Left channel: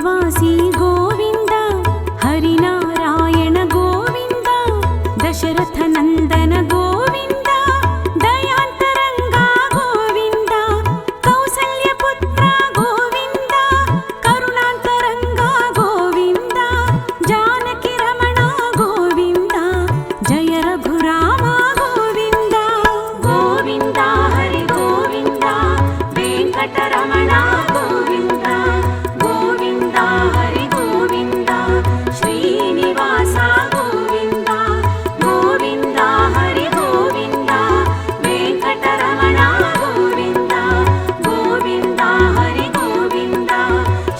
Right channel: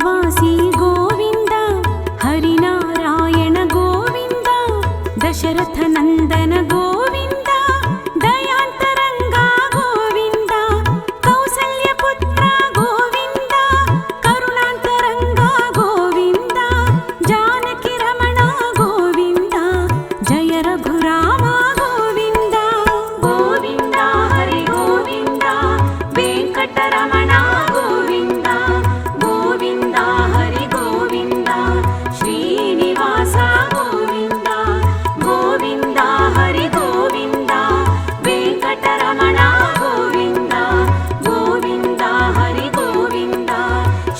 अयोध्यवासी गोविन्द हरिनारायण गोविन्द दशरथनन्दन गोविन्द दयान्तरङ्गा गोविन्द कौसल्यपुत्र गोविन्द करुणान्तरङ्गा गोविन्द जानकीरमण गोविन्द जय रघुराम गोविन्द गोविन्द हरि गोविन्द वेङ्कटरमण गोविन्द गोविन्द हरि गोविन्द श्रीनिवास गोविन्द गोविन्द हरि गोविन्द वेङ्कटरमण गोविन्द गोविन्द हरि गोविन्द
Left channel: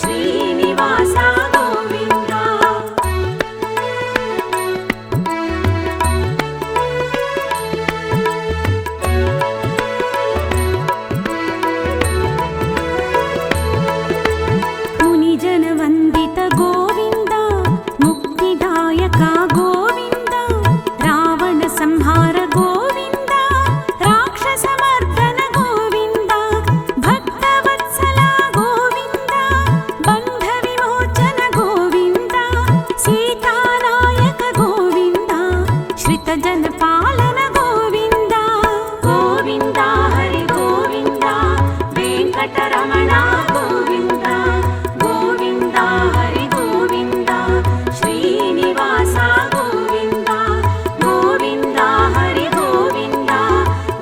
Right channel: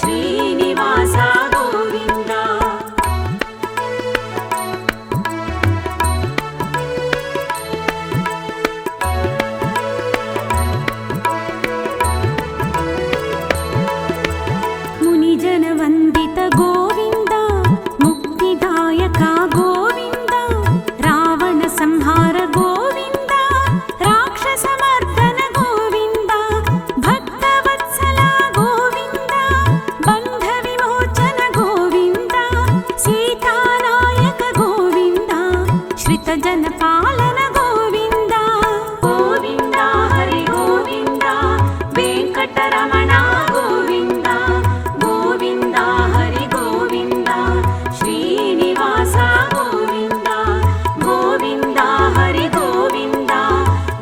श्रीनिवास गोविन्द मुनिजनवन्दित गोविन्द मुक्तिदायक गोविन्द रावण संहार गोविन्द राक्षसमर्दन गोविन्द भक्तवत्सल गोविन्द बन्धविमोचन गोविन्द सीतानायक गोविन्द श्रितजनपालन गोविन्द गोविन्द हरि गोविन्द वेङ्कटरमण गोविन्द गोविन्द हरि गोविन्द श्रीनिवास गोविन्द गोविन्द हरि गोविन्द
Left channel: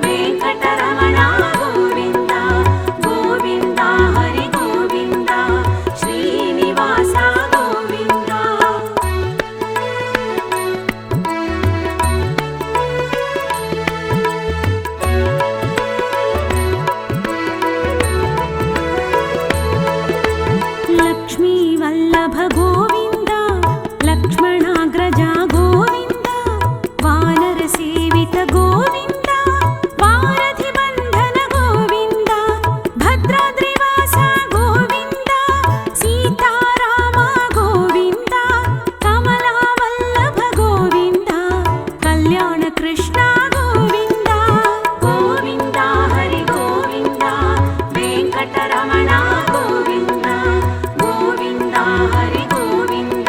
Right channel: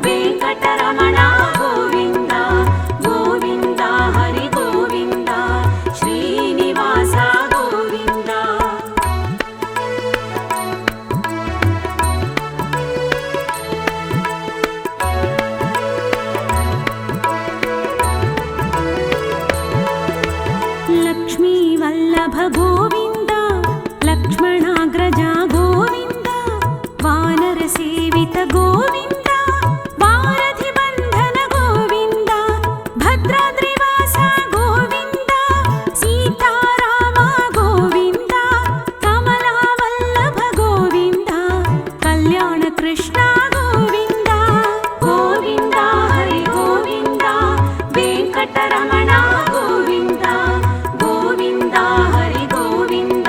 वेङ्कटरमण गोविन्द गोविन्द हरि गोविन्द श्रीनिवास गोविन्द लक्ष्मीवल्लभ गोविन्द लक्ष्मणाग्रज गोविन्द वानरसेवित गोविन्द वारधिबन्धन गोविन्द भद्राद्रिवास गोविन्द सीताराम गोविन्द कमलावल्लभ गोविन्द कल्याणकृष्ण गोविन्द गोविन्द हरि गोविन्द वेङ्कटरमण गोविन्द गोविन्द हरि गोविन्द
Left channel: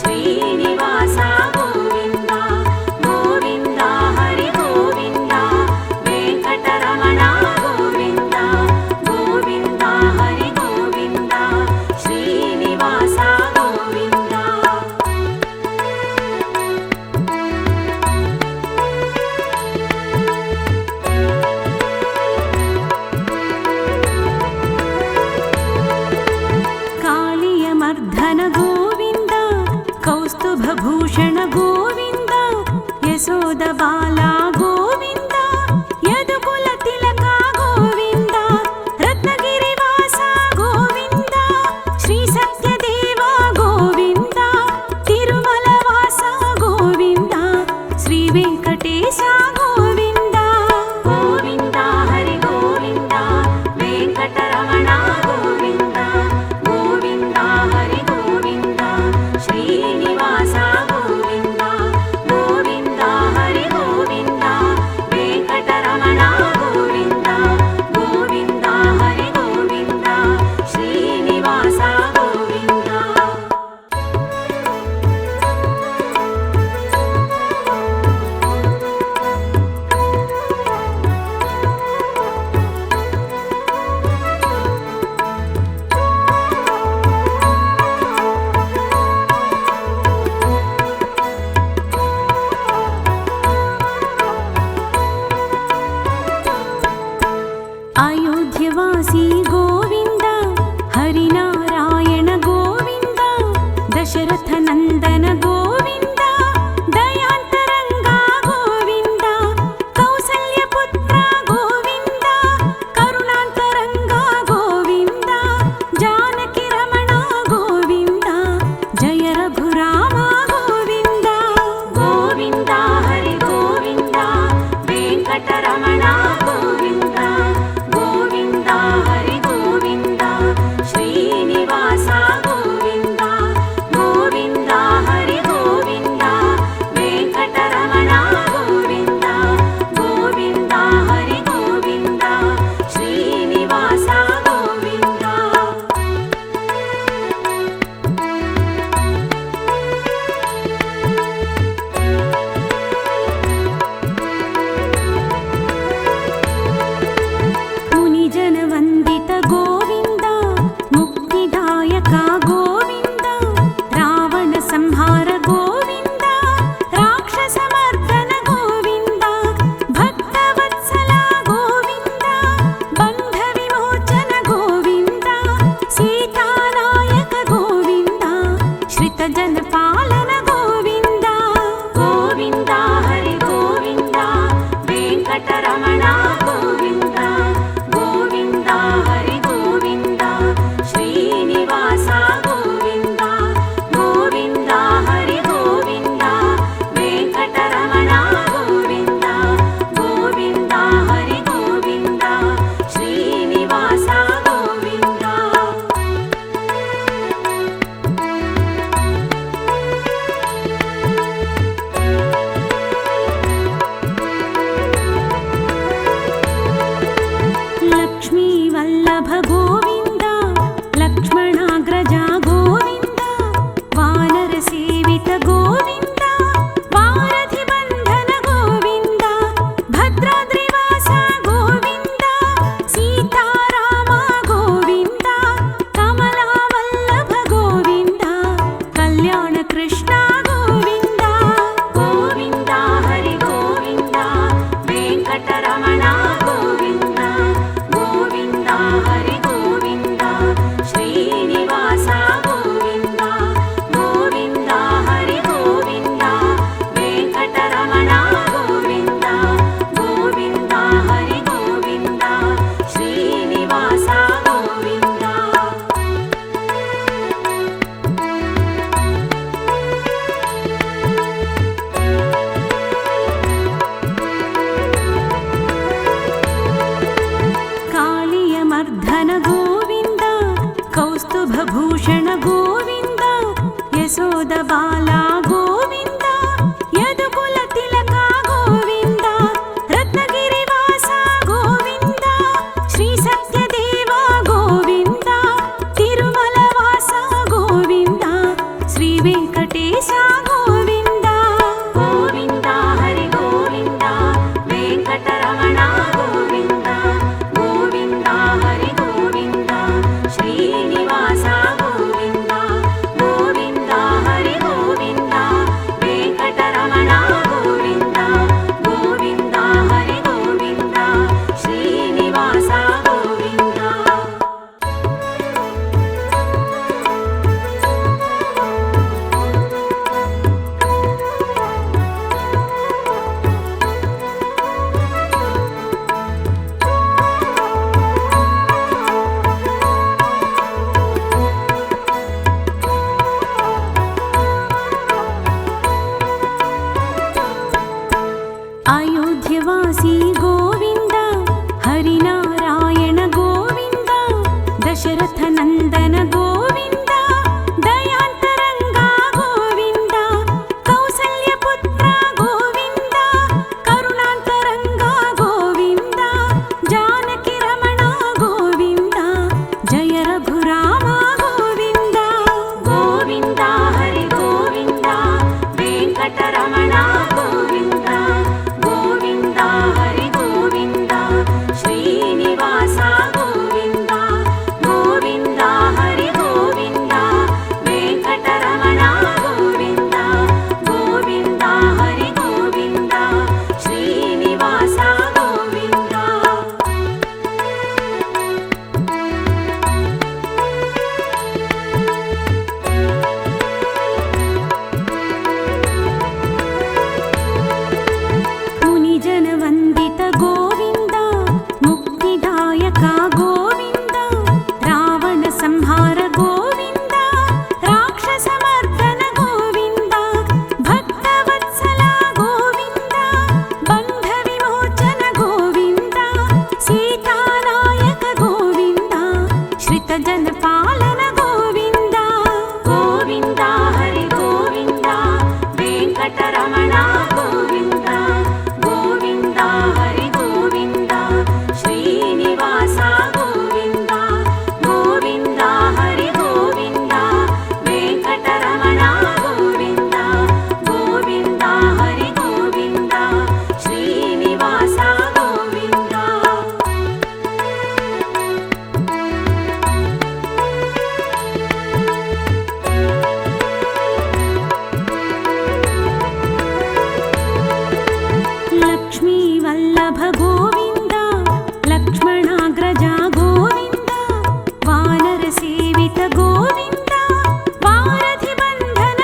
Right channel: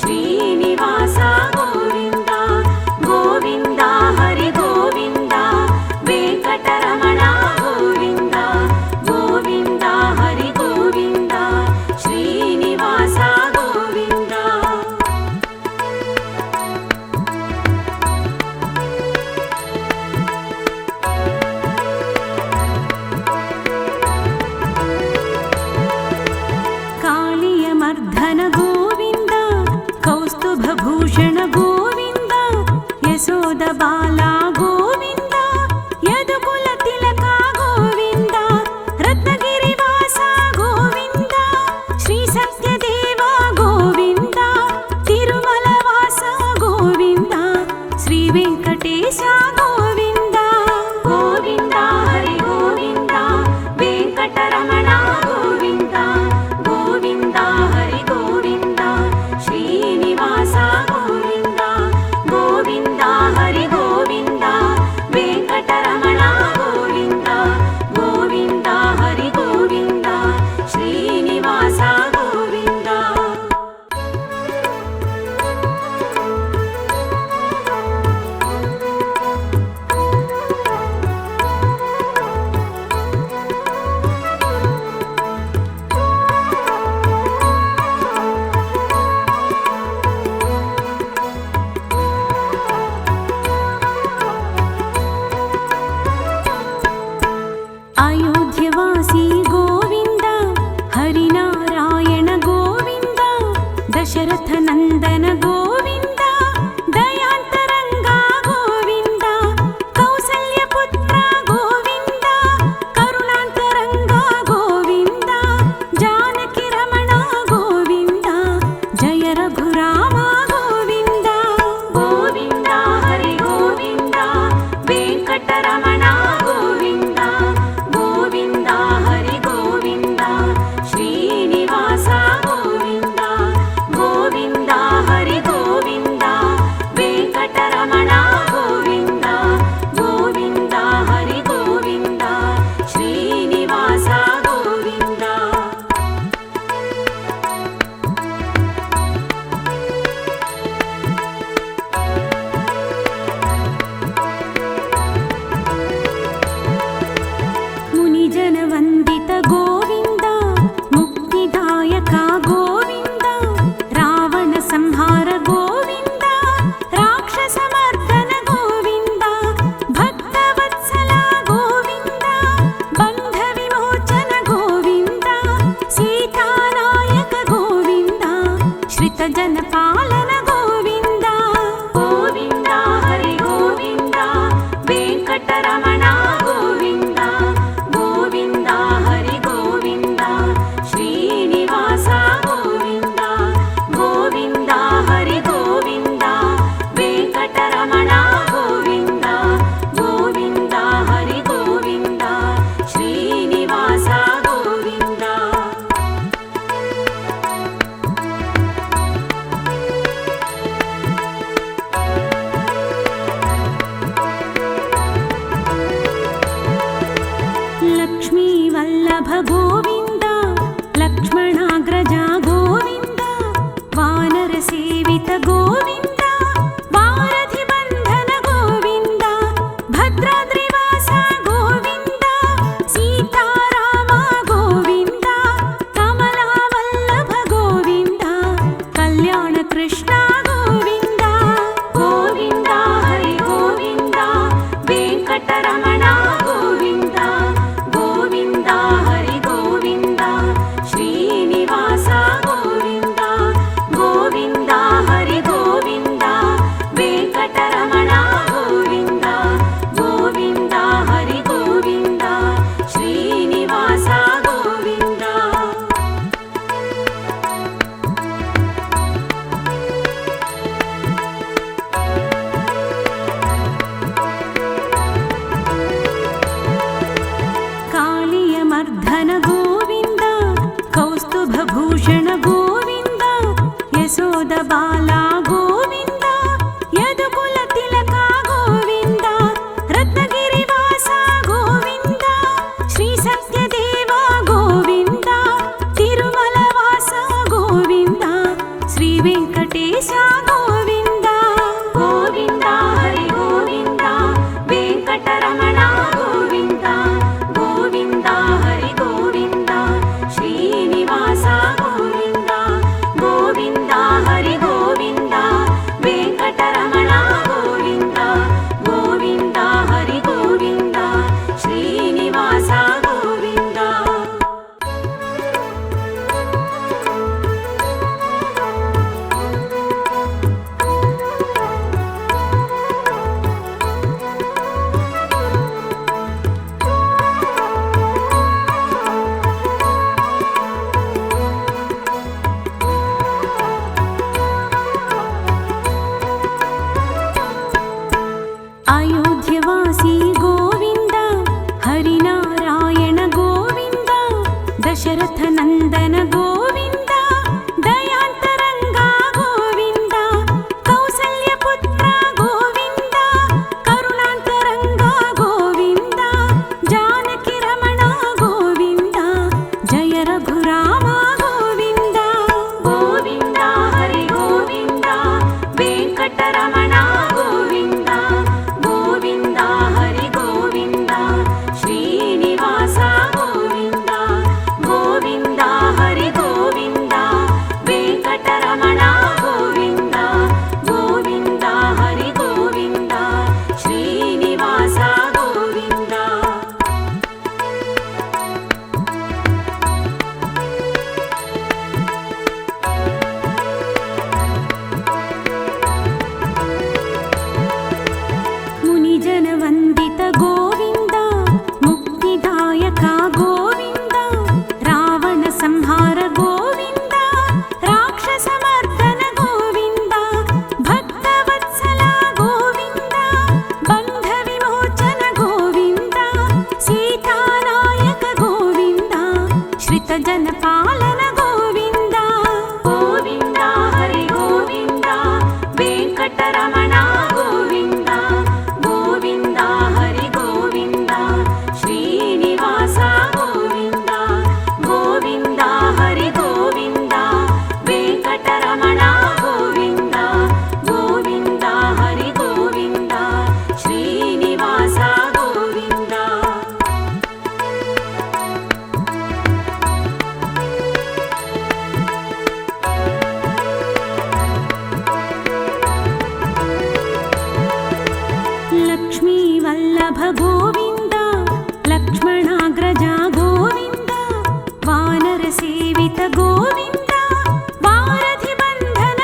श्रीनिवास गोविन्द गोविन्द हरि गोविन्द वेङ्कटरमण गोविन्द गोविन्द हरि गोविन्द श्रीनिवास गोविन्द कालियमर्दन गोविन्द कौस्तुभभूषण गोविन्द यशोदबाला गोविन्द यदुकुलतिलक गोविन्द रत्नगिरिवास गोविन्द श्रीसत्यदेव गोविन्द तिरुमलवास गोविन्द श्रीवेङ्कटेश गोविन्द गोविन्द हरि गोविन्द वेङ्कटरमण गोविन्द गोविन्द हरि गोविन्द श्रीनिवास गोविन्द गोविन्द हरि गोविन्द वेङ्कटरमण गोविन्द गोविन्द हरि गोविन्द श्रीनिवास गोविन्द अयोध्यवासी गोविन्द हरिनारायण गोविन्द दशरथनन्दन गोविन्द दयान्तरङ्गा गोविन्द कौसल्यपुत्र गोविन्द करुणान्तरङ्गा गोविन्द जानकीरमण गोविन्द जय रघुराम गोविन्द गोविन्द हरि गोविन्द वेङ्कटरमण गोविन्द गोविन्द हरि गोविन्द श्रीनिवास गोविन्द गोविन्द हरि गोविन्द श्रितजनपालन गोविन्द गोविन्द हरि गोविन्द वेङ्कटरमण गोविन्द गोविन्द हरि गोविन्द श्रीनिवास गोविन्द गोविन्द हरि गोविन्द वेङ्कटरमण गोविन्द गोविन्द हरि गोविन्द श्रीनिवास गोविन्द लक्ष्मी वल्लभ गोविन्द लक्ष्मणाग्रजा गोविन्द वानर सेवित गोविन्द वारधि बन्धन गोविन्द भद्राद्रिवास गोविन्द सीताराम गोविन्द कमला वल्लभ गोविन्द कल्याण कृष्ण गोविन्द गोविन्द हरि गोविन्द वेङ्कटरमण गोविन्द गोविन्द हरि गोविन्द श्रीनिवास गोविन्द गोविन्द हरि गोविन्द वेङ्कटरमण गोविन्द गोविन्द हरि गोविन्द श्रीनिवास गोविन्द कालियमर्धन गोविन्द कौस्तुभभूषण गोविन्द यशोदबाला गोविन्द यदुकुलतिलक गोविन्द रत्नगिरिवास गोविन्द श्रीसत्यदेव गोविन्द तिरुमलवास गोविन्द श्रीवेङ्कटेश गोविन्द गोविन्द हरि गोविन्द वेङ्कटरमण गोविन्द गोविन्द हरि गोविन्द श्रीनिवास गोविन्द गोविन्द हरि गोविन्द वेङ्कटरमण गोविन्द गोविन्द हरि गोविन्द श्रीनिवास गोविन्द अयोध्यवासी गोविन्द हरिनारायण गोविन्द दशरथनन्दन गोविन्द दयान्तरङ्गा गोविन्द कौसल्यपुत्र गोविन्द करुणान्तरङ्गा गोविन्द जानकीरमण गोविन्द जय रघुराम गोविन्द गोविन्द हरि गोविन्द वेङ्कटरमण गोविन्द गोविन्द हरि गोविन्द श्रीनिवास गोविन्द गोविन्द हरि गोविन्द वेङ्कटरमण गोविन्द गोविन्द हरि गोविन्द श्रीनिवास गोविन्द मुनिजनवन्दित गोविन्द मुक्तिदायक गोविन्द रावणसंहार गोविन्द राक्षसमर्दन गोविन्द भक्तवत्सल गोविन्द बन्धविमोचन गोविन्द सीतानायक गोविन्द श्रितजनपालन गोविन्द गोविन्द हरि गोविन्द वेङ्कटरमण गोविन्द गोविन्द हरि गोविन्द श्रीनिवास गोविन्द गोविन्द हरि गोविन्द वेङ्कटरमण गोविन्द गोविन्द हरि गोविन्द श्रीनिवास गोविन्द लक्ष्मी वल्लभ गोविन्द लक्ष्मणाग्रजा गोविन्द वानर सेवित गोविन्द वारधि बन्धन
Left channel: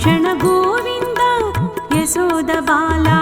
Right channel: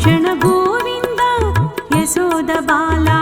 भूषण गोविन्द यशोद बाला